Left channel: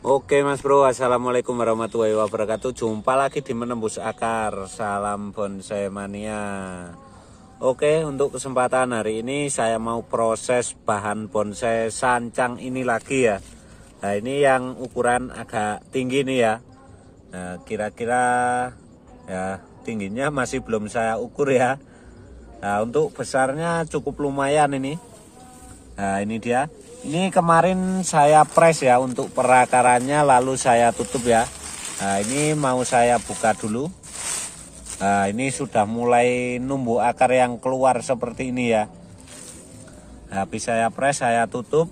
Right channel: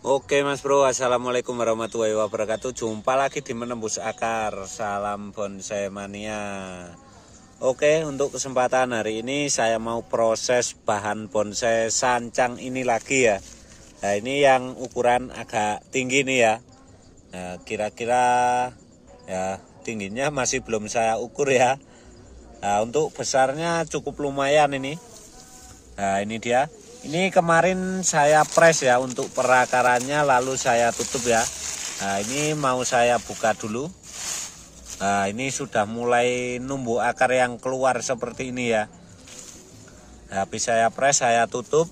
Oke Mas Bro, Assalamualaikum warahmatullahi wabarakatuh. Jumpa lagi di Menembus Akar. Salam bonsai mania. Oke, untuk kesempatan hari ini saya mau proses bahan bonsai sancang ini lagi ya. Nah, ini yang ukuran agak tinggi nih ya. Nah, kira-kira ya tingginya masih belum saya ukur ya. Nah, untuk besarnya cukup lumayan ini. Nah, ini dia. Ini kemarin saya press ya untuk perakarannya, lalu saya tutup ya. Nah, ini mau saya buka dulu. Nah, ini sudah mulai numbuh akar yang keluar seperti ini ya. Nah, habis saya press, saya tutup.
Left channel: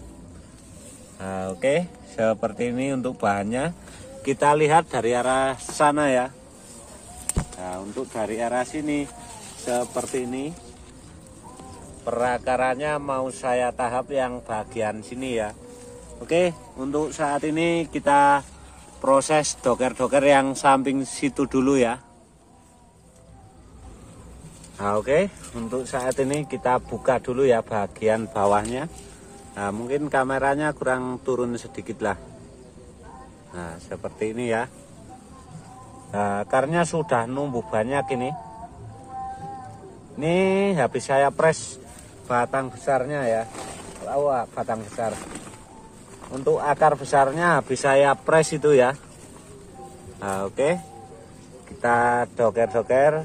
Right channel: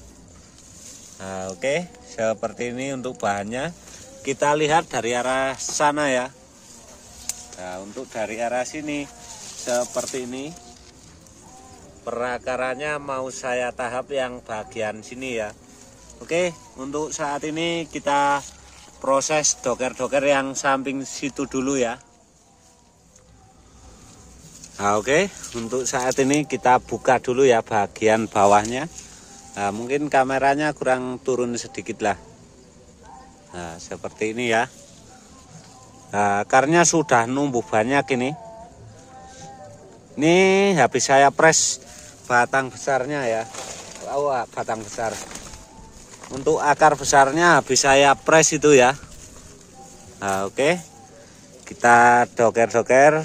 Nah, oke, seperti ini untuk bahannya. Kita lihat dari arah sana ya. Nah, untuk dari arah sini seperti ini. Perakarannya mau saya tahap yang bagian sini ya. Oke, untuk saat ini kita proses doker-doker yang samping situ dulu ya. Nah, oke, untuk saat ini kita buka dulu ya bagian bawahnya. Nah, mungkin kameranya kurang turun sedikit lah. Nah, seperti ini ya. Nah, akarnya sudah numbuh banyak ini. Ini habis saya press batang besarnya ya. Batang besar. Untuk akar besarnya habis saya press itu ya. Nah, oke. Kita doker-doker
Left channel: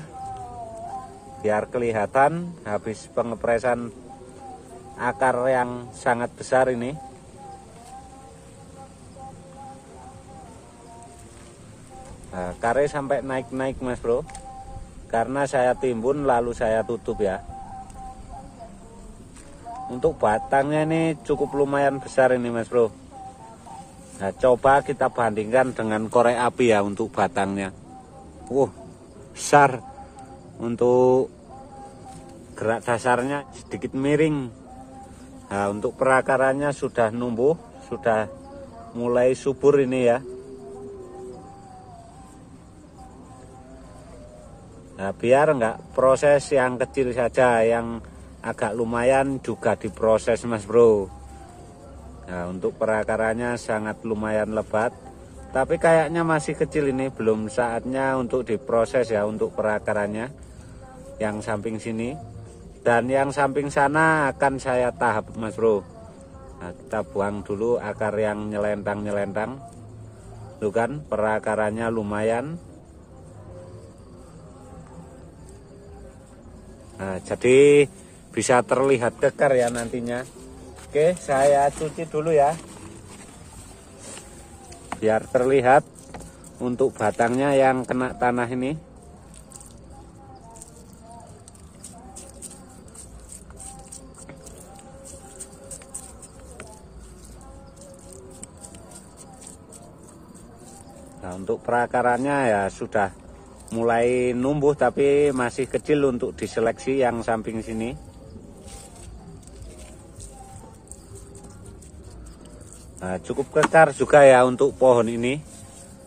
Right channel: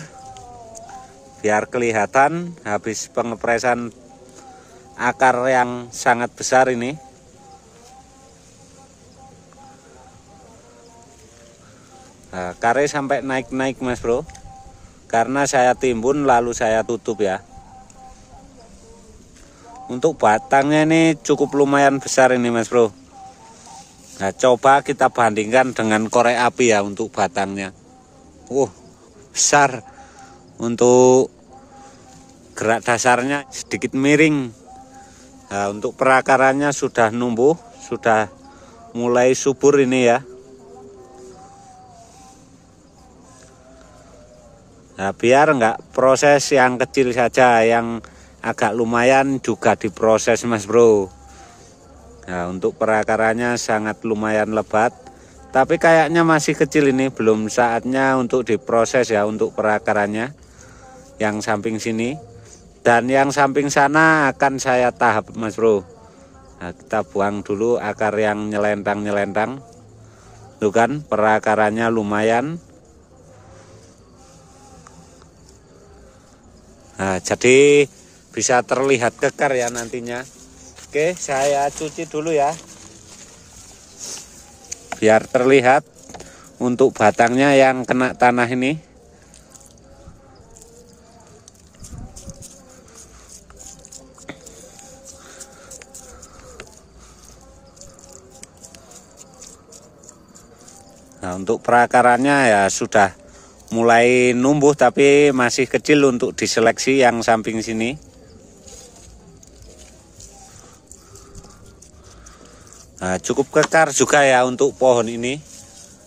biar kelihatan habis pengepresan akar yang sangat besar ini. Nah, akarnya sampai naik-naik Mas Bro. Karena saya timbun lalu saya tutup ya. Untuk batangnya ini cukup lumayan besar ini Mas Bro. Nah, coba kita bandingkan dengan korek api ya untuk batangnya. Besar. Untuk gerak dasarnya sedikit miring. Nah, untuk perakarannya sudah numbuh, sudah mulai subur ini ya. Nah, biar enggak proses yang kecil saja, yang agak lumayan juga diproses Mas Bro. Nah, untuk perakarannya sangat lumayan lebat, tapi kayaknya masih kecil ini, belum saatnya untuk diproses ya untuk perakarannya yang samping sini. Dan yang samping sana akan saya tahap Mas Bro. Nah, kita buang dulu akar yang nyelentang-nyelentang. Tuh kan perakarannya lumayan. Nah, jadi bisa terlihat kekar ya nantinya. Oke, saya cuci dulu ya. Biar terlihat untuk batangnya yang kena tanah ini. Nah, untuk perakarannya ya sudah mulai numbuh tapi masih kecil untuk diseleksi yang samping sini. Nah, cukup kekar juga ya untuk pohon ini,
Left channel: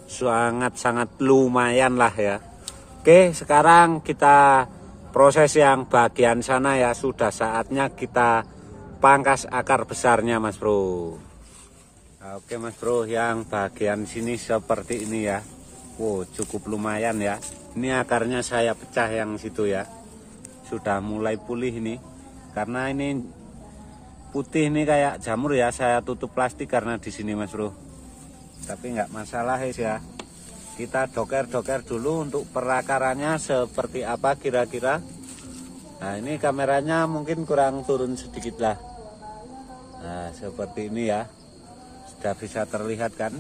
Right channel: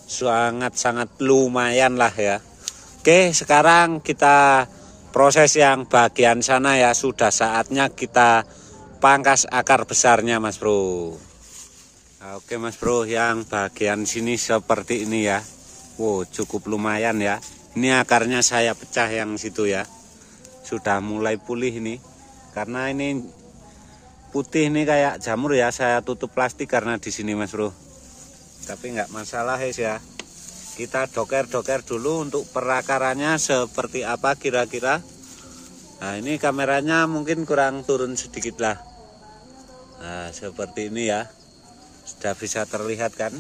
sangat-sangat lumayan lah ya. Oke, sekarang kita proses yang bagian sana ya. Sudah saatnya kita pangkas akar besarnya Mas Bro. Nah, oke Mas Bro, yang bagian sini seperti ini ya. Cukup lumayan ya. Ini akarnya saya pecah yang situ ya. Sudah mulai pulih ini. Karena ini putih ini kayak jamur ya, saya tutup plastik karena di sini Mas Bro. Tapi nggak masalah ya. Kita doker-doker dulu untuk perakarannya seperti apa kira-kira. Nah, ini kameranya mungkin kurang turun sedikit lah. Nah, seperti ini ya. Sudah bisa terlihat kan.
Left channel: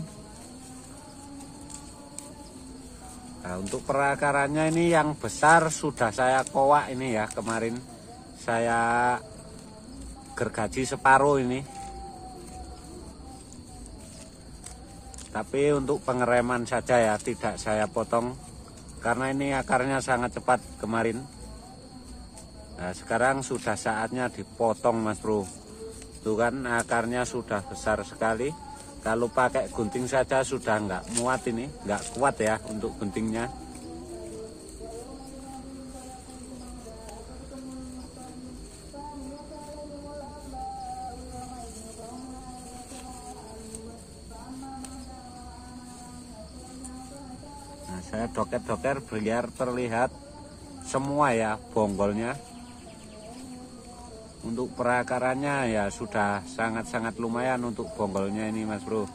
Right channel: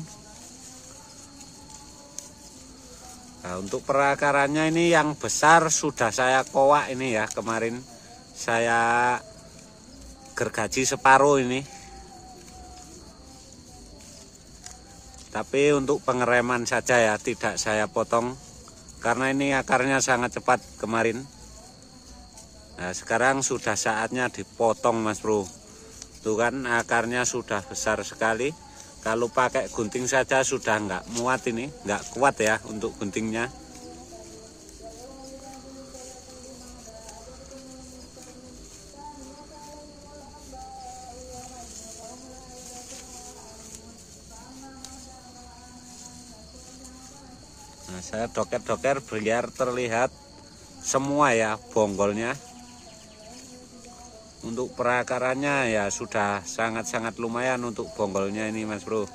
Nah, untuk perakarannya ini yang besar sudah saya kowak ini ya, kemarin saya gergaji separuh ini. Tapi untuk pengereman saja ya, tidak saya potong karena ini akarnya sangat cepat kemarin. Nah, sekarang sudah saatnya dipotong Mas Bro. Tuh kan akarnya sudah besar sekali. Kalau pakai gunting saja sudah nggak muat ini, nggak kuat ya untuk guntingnya. Nah, saya doker-doker biar terlihat semua ya bonggolnya. Untuk perakarannya ya sudah sangat-sangat lumayan untuk bonggolnya ini Mas Bro.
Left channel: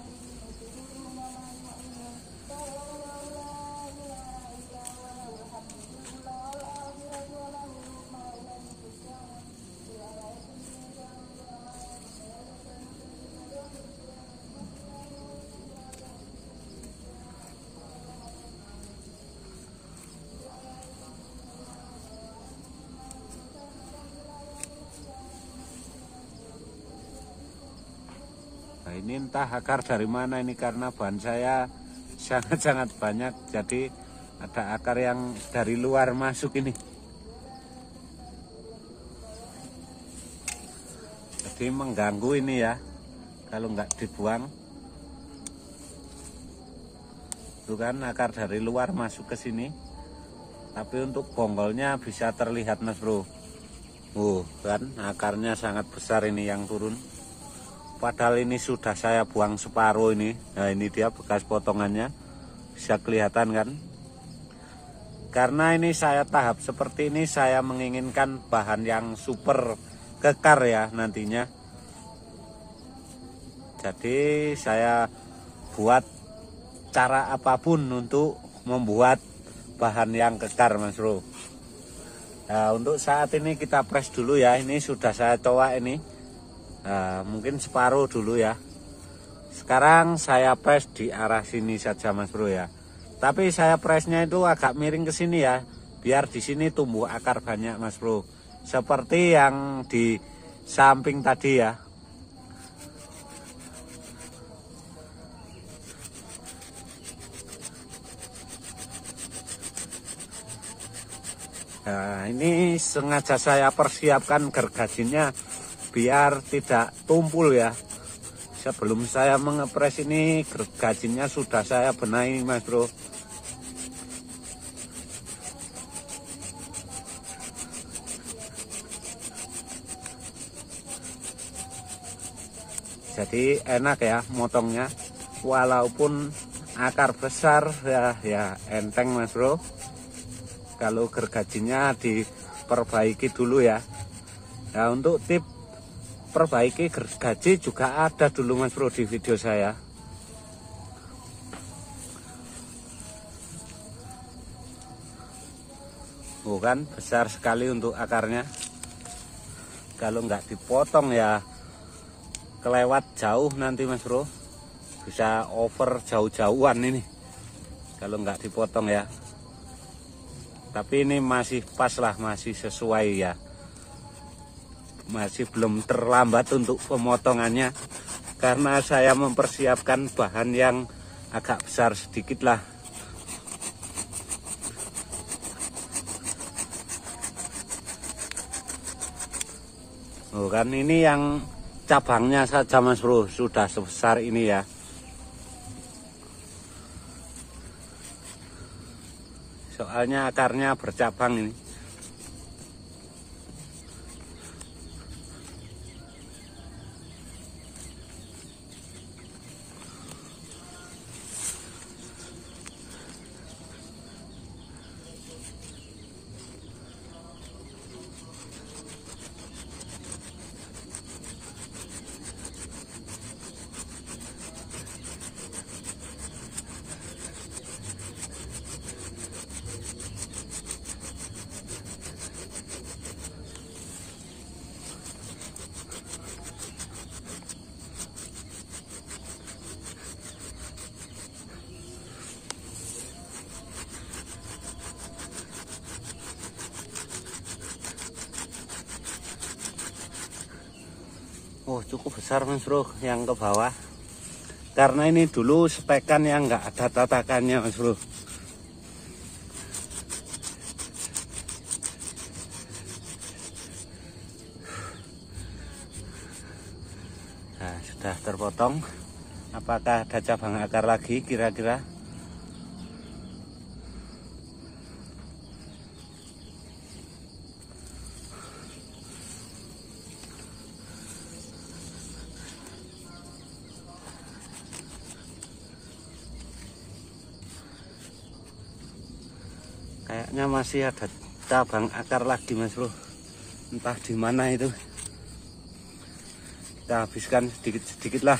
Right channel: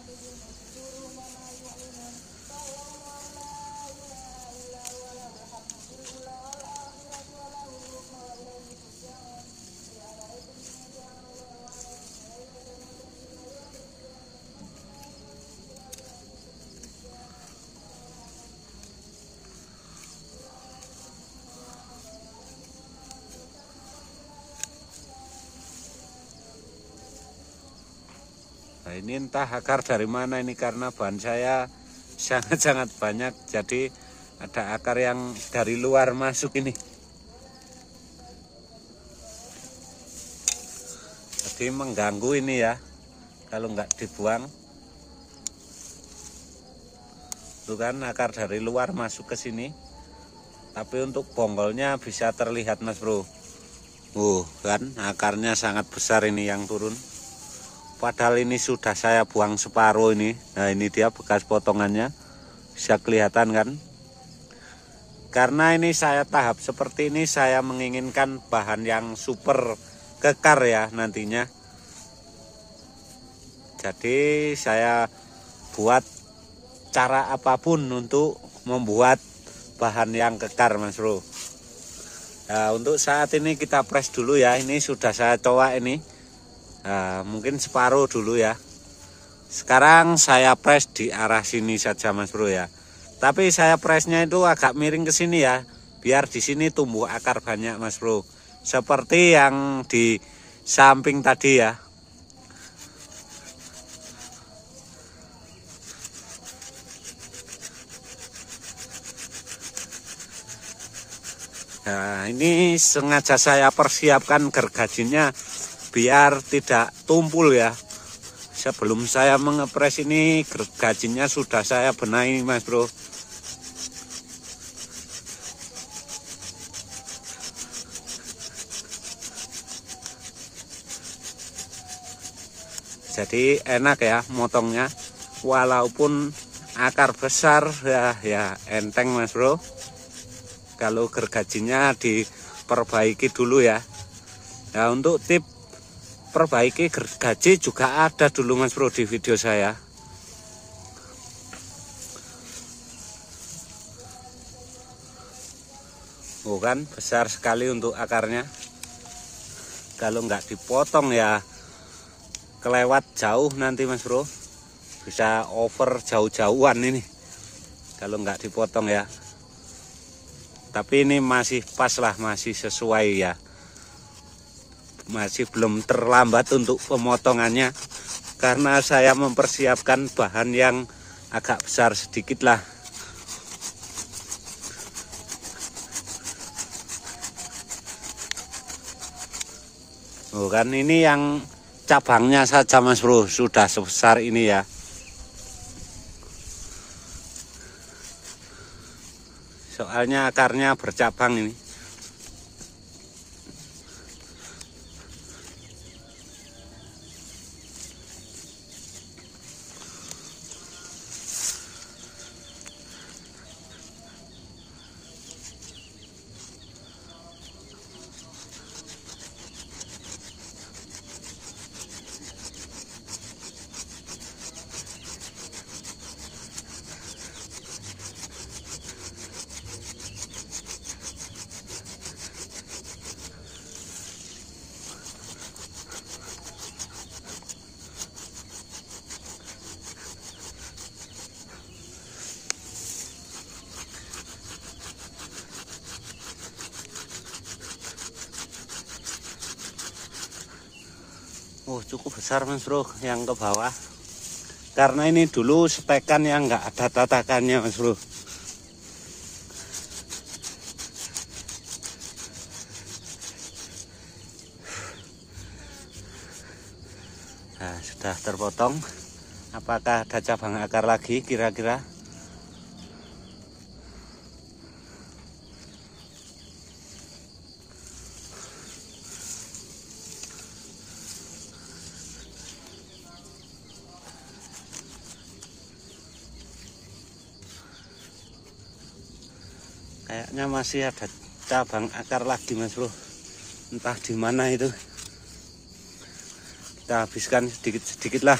Nah, ini entah akar dari mana ini, karena bahan saya sangat-sangat banyak, jadi ada akar yang dari luar masuk ini. Jadi mengganggu ini ya, kalau nggak dibuang. Itu kan akar dari luar masuk ke sini. Tapi untuk bonggolnya bisa terlihat Mas Bro. Kan akarnya sangat besar ini yang turun. Padahal ini sudah saya buang separuh ini. Nah, ini dia bekas potongannya. Bisa kelihatan kan? Karena ini saya tahap seperti ini, saya menginginkan bahan yang super kekar ya nantinya. Jadi saya buat cara apapun untuk membuat bahan yang kekar Mas Bro. Nah, untuk saat ini kita press dulu ya. Ini sudah saya coba ini. Nah, mungkin separuh dulu ya. Sekarang saya press di arah sini saja Mas Bro ya. Tapi saya pressnya itu agak miring ke sini ya, biar di sini tumbuh akar banyak Mas Bro. Seperti yang di samping tadi ya. Nah, ini sengaja saya persiapkan gergajinya biar tidak tumpul ya. Sebelum saya mengepres ini, gergajinya sudah saya benahi Mas Bro. Jadi enak ya motongnya, walaupun akar besar ya enteng Mas Bro. Kalau gergajinya diperbaiki dulu ya. Nah, untuk tip perbaiki gergaji juga ada dulu Mas Bro di video saya. Kan besar sekali untuk akarnya. Kalau nggak dipotong ya kelewat jauh nanti Mas Bro. Bisa over jauh-jauhan ini kalau nggak dipotong ya. Tapi ini masih pas lah, masih sesuai ya. Masih belum terlambat untuk pemotongannya, karena saya mempersiapkan bahan yang agak besar sedikit lah. Kan ini yang cabangnya saja Mas Bro sudah sebesar ini ya. Soalnya akarnya bercabang ini. Cukup besar Mas Bro yang ke bawah, karena ini dulu stekan yang nggak ada tatakannya Mas Bro. Nah, sudah terpotong. Apakah ada cabang akar lagi kira-kira? Kayaknya masih ada cabang akar lagi Mas Bro, entah di mana itu. Kita habiskan sedikit-sedikit lah.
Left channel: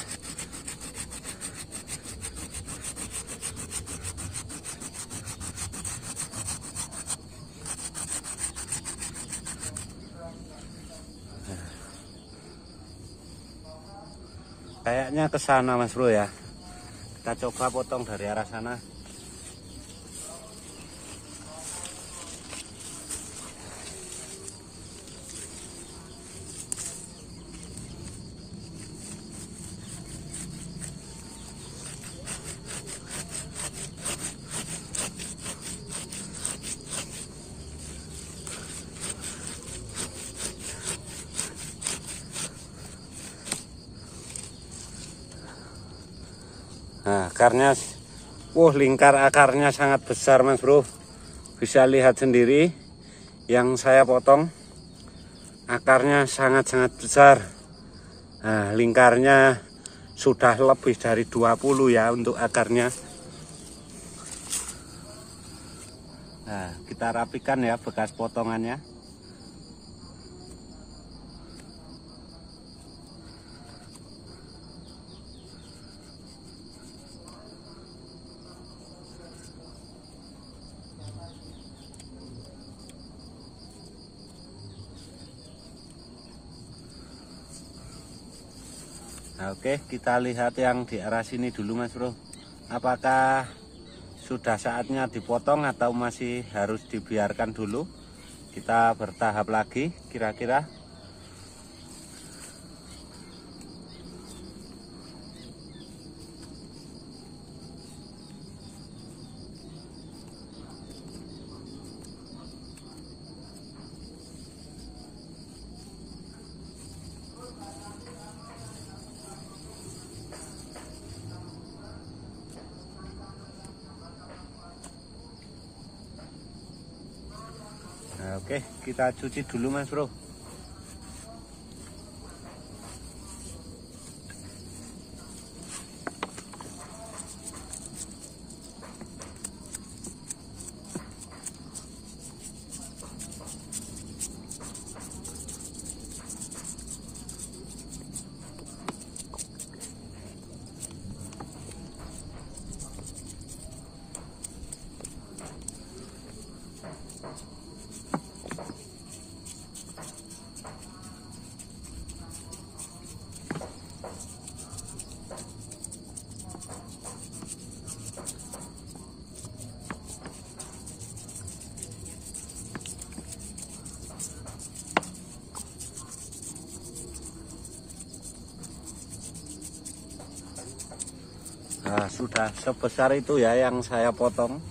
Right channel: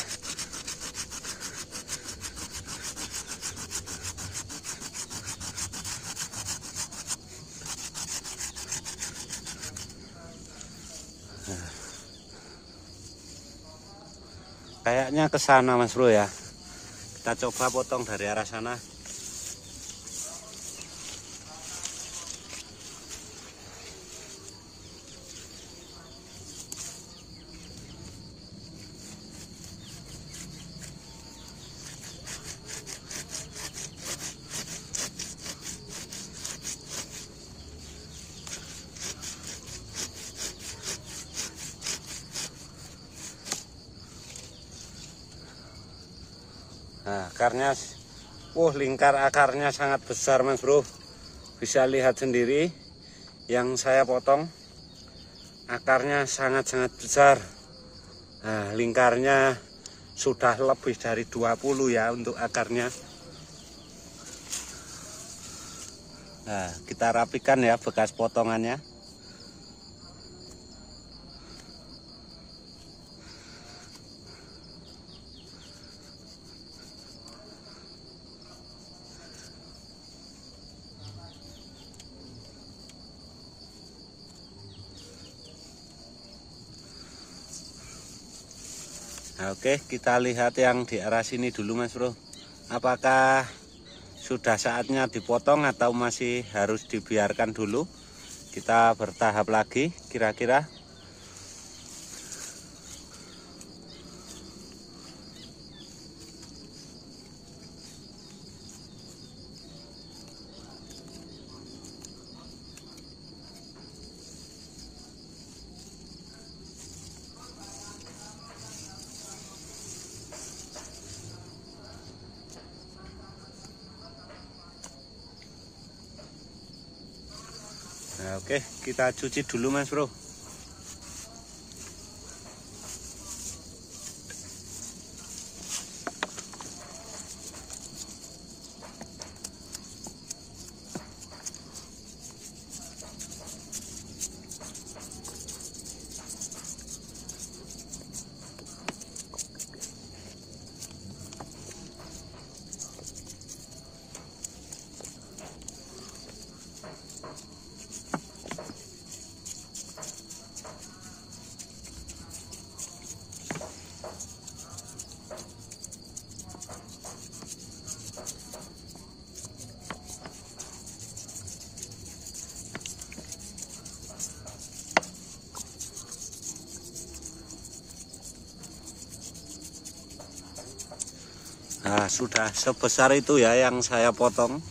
Kayaknya ke sana Mas Bro ya. Kita coba potong dari arah sana. Nah, akarnya, lingkar akarnya sangat besar Mas Bro. Bisa lihat sendiri yang saya potong. Akarnya sangat-sangat besar. Nah, lingkarnya sudah lebih dari 20 ya untuk akarnya. Nah, kita rapikan ya bekas potongannya. Nah, oke, kita lihat yang di arah sini dulu Mas Bro. Apakah sudah saatnya dipotong atau masih harus dibiarkan dulu? Kita bertahap lagi kira-kira. Nah, oke, kita cuci dulu Mas Bro. Nah, sudah sebesar itu ya yang saya potong.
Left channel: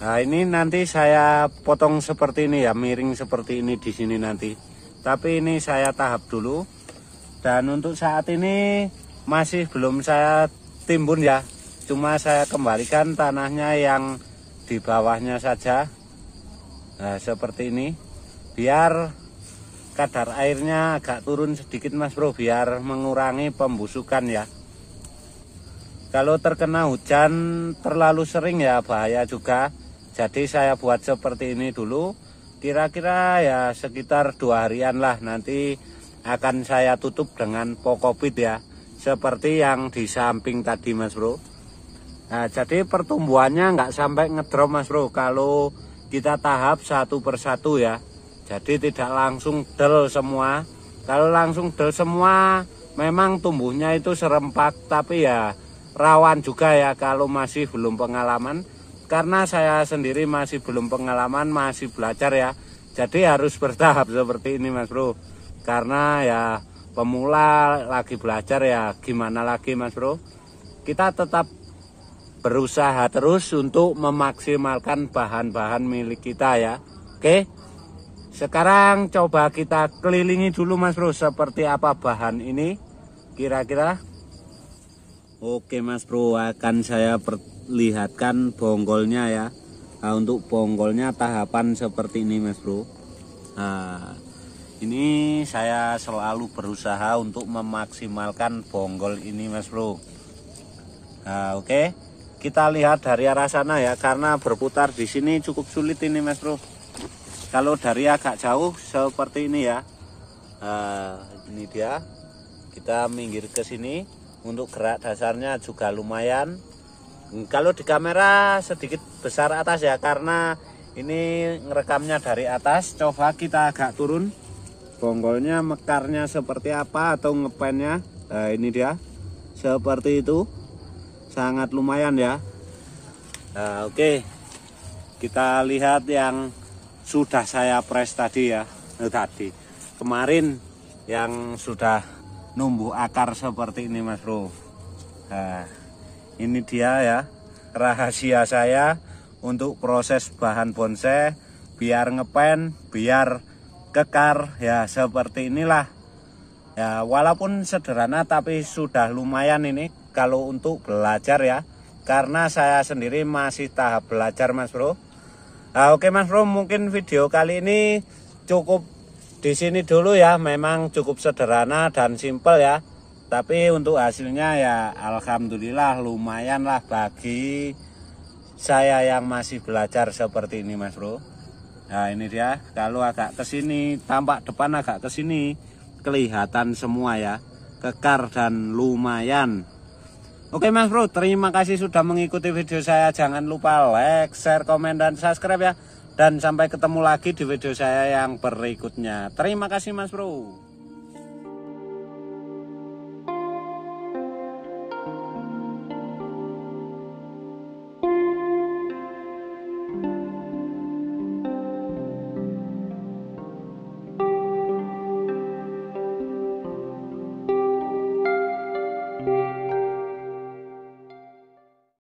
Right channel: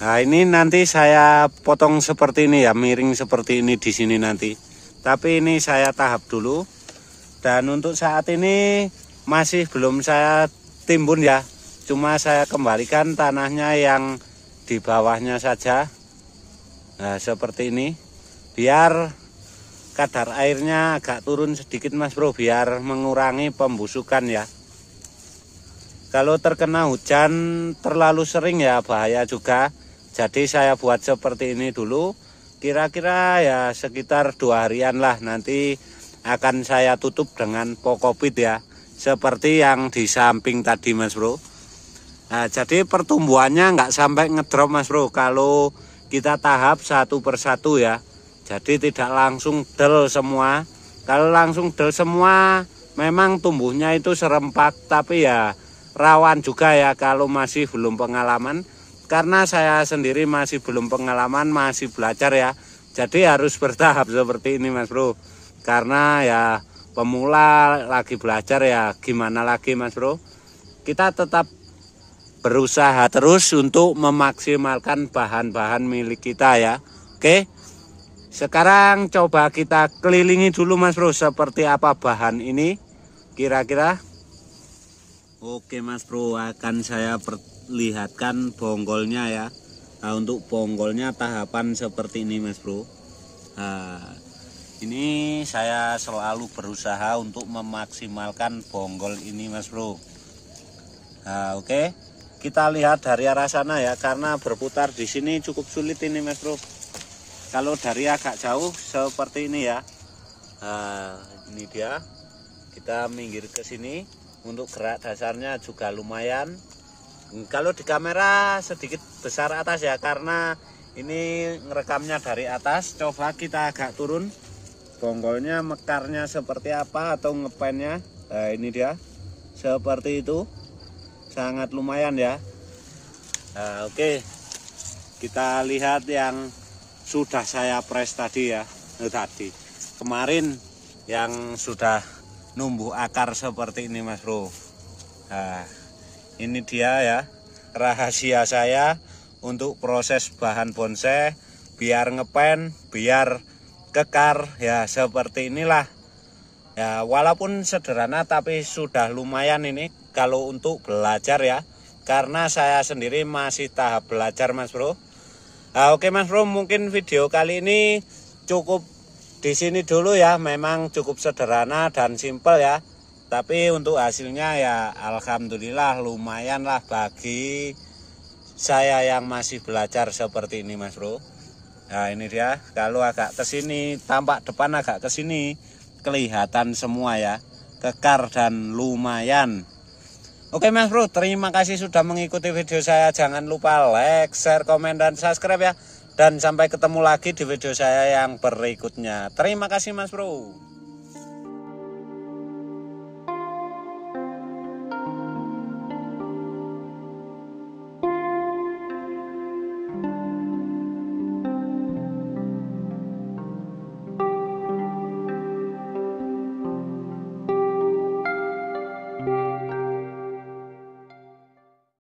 Nah, ini nanti saya potong seperti ini ya, miring seperti ini di sini nanti. Tapi ini saya tahap dulu. Dan untuk saat ini masih belum saya timbun ya. Cuma saya kembalikan tanahnya yang di bawahnya saja. Nah, seperti ini. Biar kadar airnya agak turun sedikit Mas Bro, biar mengurangi pembusukan ya. Kalau terkena hujan terlalu sering ya bahaya juga. Jadi saya buat seperti ini dulu. Kira-kira ya sekitar 2 harian lah. Nanti akan saya tutup dengan pokopit ya. Seperti yang di samping tadi Mas Bro. Nah, jadi pertumbuhannya nggak sampai ngedrop Mas Bro. Kalau kita tahap satu persatu ya. Jadi tidak langsung del semua. Kalau langsung del semua memang tumbuhnya itu serempak. Tapi ya rawan juga ya kalau masih belum pengalaman. Karena saya sendiri masih belum pengalaman, masih belajar ya. Jadi harus bertahap seperti ini Mas Bro. Karena ya pemula lagi belajar ya, gimana lagi Mas Bro. Kita tetap berusaha terus untuk memaksimalkan bahan-bahan milik kita ya. Oke. Sekarang coba kita kelilingi dulu Mas Bro, seperti apa bahan ini kira-kira. Oke Mas Bro, akan saya perlihatkan bonggolnya ya. Nah, untuk bonggolnya tahapan seperti ini Mas Bro. Nah, ini saya selalu berusaha untuk memaksimalkan bonggol ini Mas Bro. Nah, oke. Kita lihat dari arah sana ya, karena berputar di sini cukup sulit ini Mas Bro. Kalau dari agak jauh seperti ini ya. Nah, ini dia. Kita minggir ke sini. Untuk gerak dasarnya juga lumayan. Kalau di kamera sedikit besar atas ya, karena ini ngerekamnya dari atas. Coba kita agak turun. Bonggolnya mekarnya seperti apa atau ngepennya. Nah, ini dia. Seperti itu. Sangat lumayan ya. Nah, oke. Kita lihat yang sudah saya press tadi ya. Tadi. Kemarin yang sudah numbuh akar seperti ini Mas Bro. Nah, ini dia ya rahasia saya untuk proses bahan bonsai biar ngepen, biar kekar ya, seperti inilah ya. Walaupun sederhana tapi sudah lumayan ini kalau untuk belajar ya, karena saya sendiri masih tahap belajar Mas Bro. Nah, oke Mas Bro, mungkin video kali ini cukup di sini dulu ya. Memang cukup sederhana dan simpel ya, tapi untuk hasilnya ya alhamdulillah lumayan lah bagi saya yang masih belajar seperti ini Mas Bro. Nah, ini dia. Kalau agak ke sini, tampak depan agak ke sini, kelihatan semua ya, kekar dan lumayan. Oke Mas Bro, terima kasih sudah mengikuti video saya. Jangan lupa like, share, komen, dan subscribe ya. Dan sampai ketemu lagi di video saya yang berikutnya. Terima kasih Mas Bro.